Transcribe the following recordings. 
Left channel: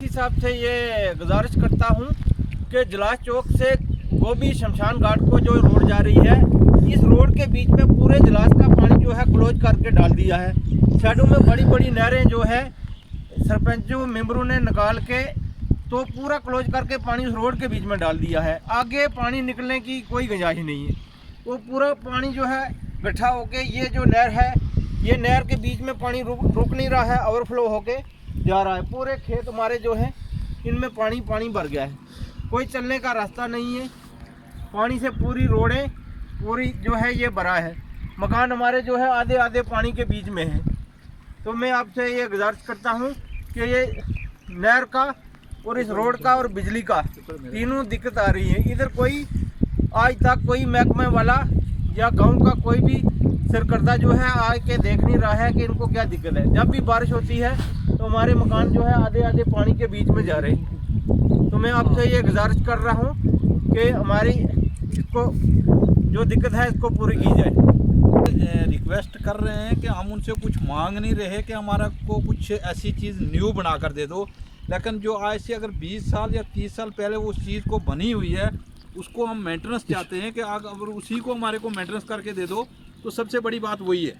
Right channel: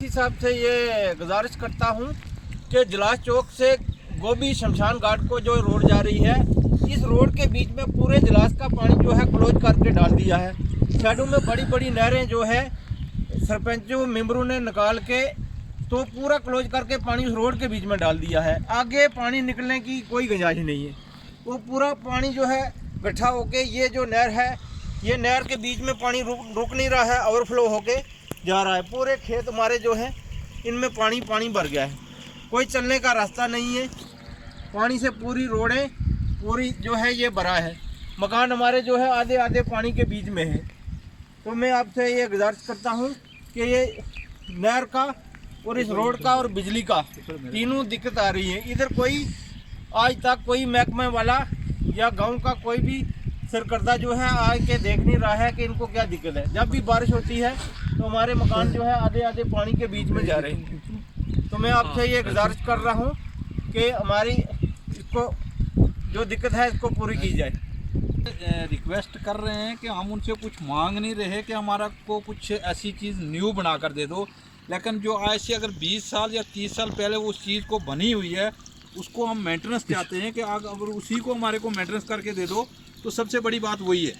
हिसाब से ये गुजारिश करता हूँ कि जलास चौक से गोभी शमशान घाट को जो रोड जा रही है, इस रोड के बीच में पूरे जलास का पानी जो है क्लोज करके डाल दिया है। साइडों में बड़ी बड़ी नहरें जो है सरपंचों मेंबरों ने निकाल के तो पूरा क्लोज करके पानी उस रोड के बीच में डाल दिया है। आगे पानी निकलने की कोई गुंजाइश नहीं है। वो पूरा पानी जो है इकट्ठा होके ये जो नहर है, ये नहर के बीच में पानी रुक नहीं रहा है, ओवरफ्लो होके जा रहा है। पूरे खेत हमारे जो हैं इनमें पानी भर गया है, कोई चलने का रास्ता नहीं है। पानी से पूरी रोडें पूरी जो है ये भरा है। मकान हमारे जो है आधे आधे पानी के बीच में है। तो मैं आपसे ये गुजारिश करता हूँ कि ये नहर का और इस रोड का और बिजली का तीनों दिक्कत आ रही है। इधर कोई आज तक कोई महकमे वाला या गांव का कोई भी सरकर्ता जो है आके देख नहीं रहा है कि इनको क्या दिक्कत है। जब भी बारिश होती है तो हमारे मकान जो है आधे आधे पानी के बीच में जा रहे हैं। तो मैं आपसे ये गुजारिश कर रहा हूँ कि हमारी इसको जो दिक्कत है इसको पूरी की जाए। रिक्वेस्ट कर रहे हैं कि हम उनसे कुछ मांग नहीं रहे कि हमारा को कुछ ऐसी चीज़ न्यू बना कर दे दो, लेकिन जो आज से अगर 20 साल या 30 साल पहले उस चीज़ को बनी हुई है उसको हम मेंटेनेंस चाहते हैं कि अगर उसी को हमारे को मेंटेनेंस करके दे दो तो सबसे बड़ी बात वही है।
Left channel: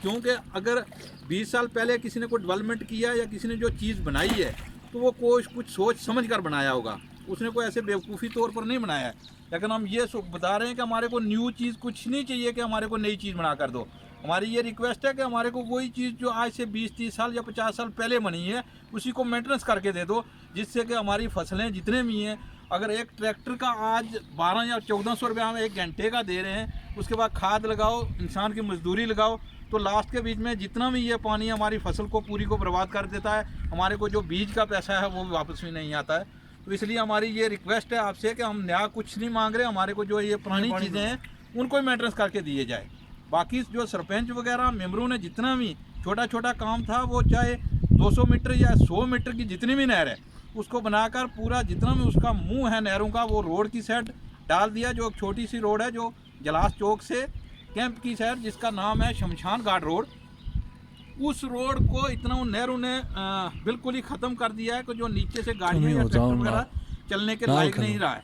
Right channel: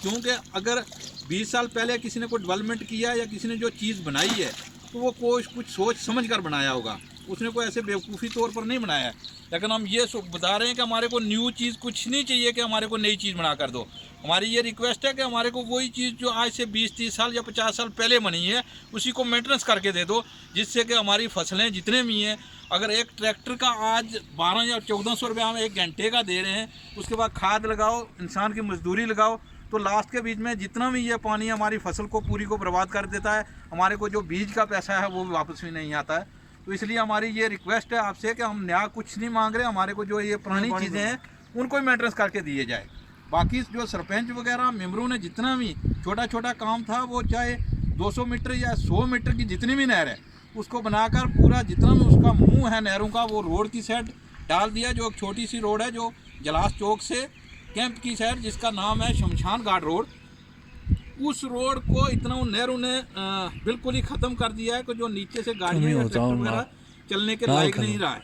क्योंकि अगर 20 साल पहले किसी ने कोई डेवलपमेंट किया या किसी ने जो चीज़ बनाई है तो वो कोई कुछ सोच समझ कर बनाया होगा, उसने कोई ऐसे बेवकूफ़ी तौर पर नहीं बनाया है। लेकिन हम ये बता रहे हैं कि हमारे को न्यू चीज़ कुछ नहीं चाहिए कि हमारे को नई चीज़ बना कर दो। हमारी ये रिक्वेस्ट है कि हमारे को वही चीज़ जो आज से 20-30 साल या 50 साल पहले बनी है उसी को मेंटेनेंस करके दे दो, जिससे कि हमारी फसलें जितने भी हैं, अगर एक ट्रैक्टर का आज 12 या 1400 रुपये हम 1 घंटे का दे रहे हैं, उसके बाद खाद लगाओ, इंसान की मजदूरी लगाओ, तो लास्ट के बीच में जितना भी ये पानी हमारी फसल को पूरी को बर्बाद कर देता है। हमारे को जो बीज का पैसा है वो भी वापस भी नहीं आता है। तो इसलिए हमारी ये रिक्वेस्ट है आपसे कि हम नया कुछ नहीं मांग रहे, हमारे को जो ये पुरानी चीज़ें हैं उनको ही मेंटेनेंस करके दिए जाए। बाकी जो सरपंच वगैरह मेंबरों ने जितना भी छोटा छोटा काम था, वो चाहे 200 मीटर या 100 मीटर की जितनी भी नहर है उसको बनाकर पूरा जितना भी उसका मुंह है नहरों का वो रोड की साइड डाल दिया। जो एक छोटी सी रोड है जो जलास चौक से कैंप की साइड, जिसका नाम है शमशान घाट रोड, उस रोड को इतना नहरों ने बिल्कुल ही ख़त्म कर दिया है कि जो नीचे से गाड़ियाँ या ट्रैक्टर वगैरह चलने के लायक नहीं रहा है।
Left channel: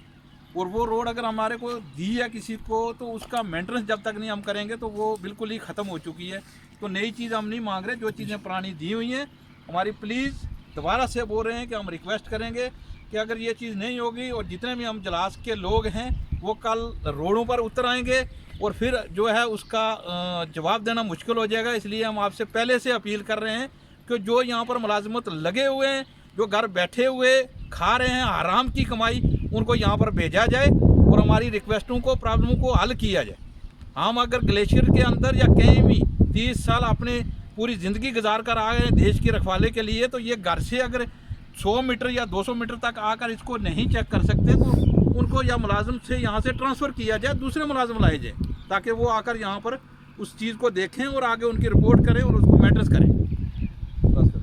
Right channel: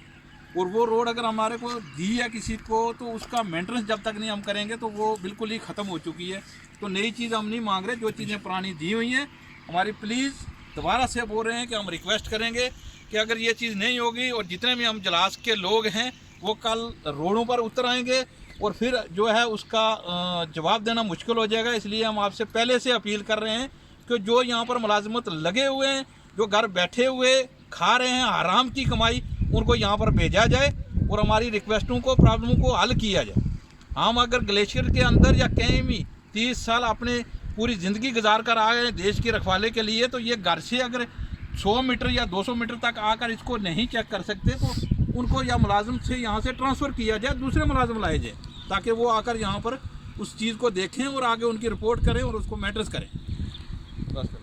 और वो रोड अगर हमारे को दी है किसी को तो उसका मेंटेनेंस जब तक नहीं हम करेंगे तो वो बिल्कुल ही ख़त्म हो चुकी है। तो नई चीज़ हम नहीं मांग रहे, जो चीज़ें पुरानी दी हुई हैं हमारी प्लीज़ दोबारा से बोल रहे हैं कि हम रिक्वेस्ट करेंगे कि अगर ये चीज़ नहीं होगी और जितने भी हम जलास के लोग हैं वो कल रोडों पर उतर आएंगे और फिर जो है उसका जवाब देना मुश्किल हो जाएगा। इसलिए हम आपसे पहले से अपील कर रहे हैं कि जो यहाँ पर मुलाजमत लगे हुए हैं, जो घर बैठे हुए खा रहे हैं आराम की कमाई, उनको यहाँ पर भेजा जाए और हमारी रिक्वेस्टों को प्रॉब्लमों को हल किया जाए। हम अगर ग्लेशियर के अंदर या कहीं भी 30 साल अपने पूरी ज़िंदगी गुजार कर आ गए देश की रखवाले के लिए, तो ये घर से अगर 100 मीटर या 200 मीटर तक आकर इसको नहीं चेक कर सकते तो उनको या मुलाजिम से यहाँ से ट्रांसफ़र किया जाए, दूसरे मुलाजिम लाए जाए, ताकि वो आकर यहाँ पर उस चीज़ को देखें और आगे उनकी रिपोर्ट करें और उसको मेंटेनेंस करें। बस करें।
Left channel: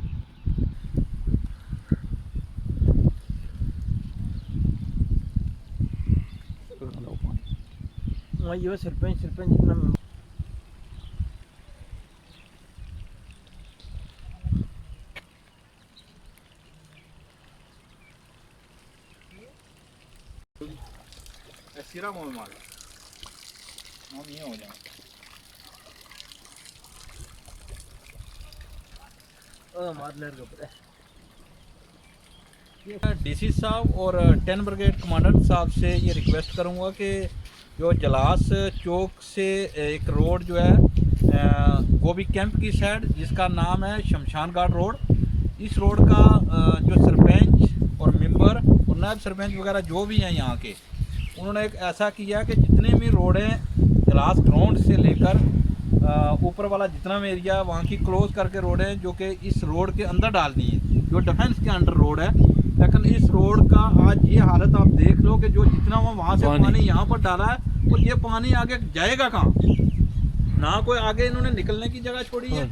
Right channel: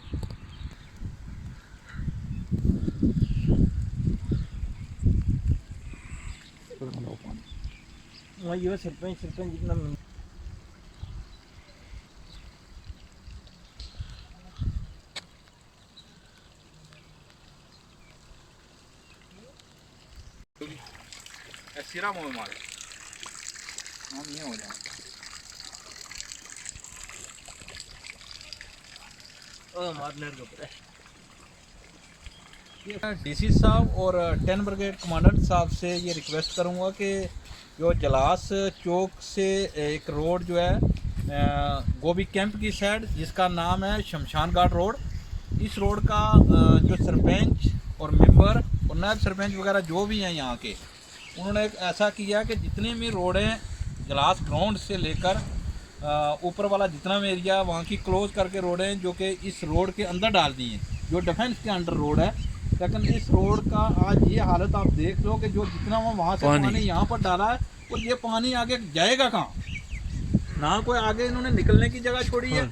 ये सरपंच सिरा मुँह में मारे हम ये हो जाए। डीसी साहब और 10 ब्रिगेड कमांडेंट साहब से ये रिक्वेस्ट करूँगा कि जो जलास चौक से एक रोड जो है गोभी कैंप की साइड, जिसका नाम है शमशान घाट रोड, इस रोड का जो सरपंच और मेंबर और नायब सरपंच वगैरह जो भी हैं यहाँ के, उन्होंने एक ऐसा किया कि जितने भी रोडें जलास ग्राउंड से लेकर ऊपर वाला जितना भी एरिया है वहाँ की क्लोज करके रोडें जो कि इस रोड के अंदर डाल दी हैं, जो डिफेंस के अंडर रोड है। लेकिन इस रोड का आज ये हालत आप देख लो कि जो जितना वहाँ से पानी यहाँ पर डाला है तो ये पानी आगे जाएगा कहाँ? ना कोई आगे इन्होंने निकलने की जगह छोड़ी है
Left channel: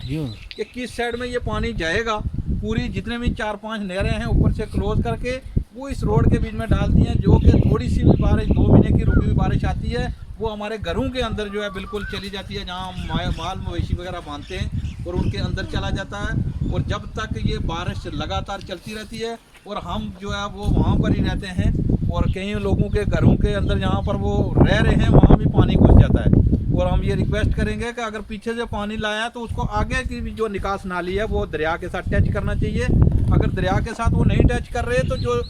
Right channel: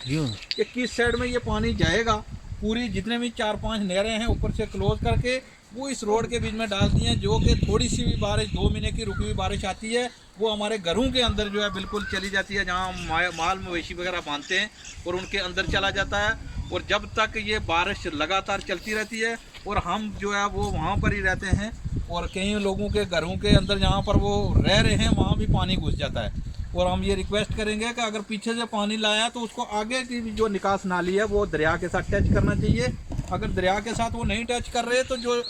कि किस साइड में ये पानी जाएगा। पूरी जितने भी 4-5 नहरें हैं ऊपर से क्लोज करके वो इस रोड के बीच में डाल दी हैं, जो कि थोड़ी सी भी बारिश 2 महीने की रुकी हुई बारिश आती है वो हमारे घरों के अंदर जो है बिल्कुल चली जाती है, जहाँ माल मवेशी वगैरह बांधते हैं और उनके अंदर चला जाता है। और जब तक ये बारिश लगातार चलती रहती है और हम जो है वो वहाँ पर ही रहते हैं और कई लोगों के घरों के अंदर जहाँ पर वो रह रहे हैं वहाँ भी पानी घुस जाता है। और हम ये रिक्वेस्ट करेंगे कि अगर पीछे से पानी लाया तो उसको आगे की भी जो निकास नाली है वो दरिया के साथ टच करना चाहिए। अगर दरिया के साथ वो नहीं टच कर रहे तो जो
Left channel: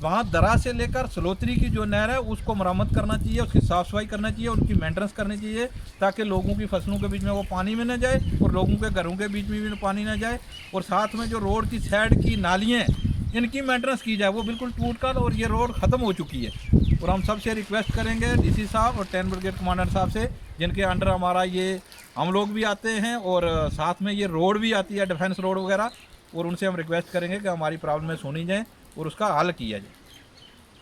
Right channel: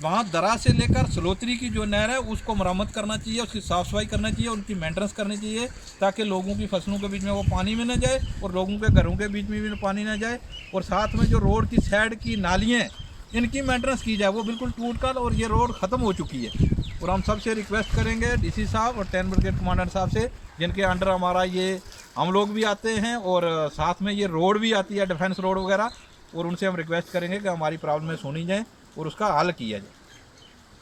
वहाँ दरा से लेकर सलोत्री की जो नहर है उसको मरम्मत करना चाहिए, उसकी साफ़ सफाई करना चाहिए, उनकी मेंटेनेंस करनी चाहिए ताकि लोगों की फसलों के बीच में वो पानी में न जाए और लोगों के घरों के बीच में भी पानी न जाए। और साथ में जो रोड की साइड की नालियाँ इनकी मेंटेनेंस की जाए, वो बिल्कुल टूट कर और ये रोड ख़त्म हो चुकी है। और हम सबसे रिक्वेस्ट करेंगे डीसी साहब और 10 ब्रिगेड कमांडर साहब से, जिनके अंडर हमारा ये हम लोग भी आते हैं और साथ में ये रोड भी आती है डिफेंस रोड वगैरह, और उनसे हम रिक्वेस्ट करेंगे कि हमारी प्रॉब्लम सुनी जाए और उसका हल किया जाए।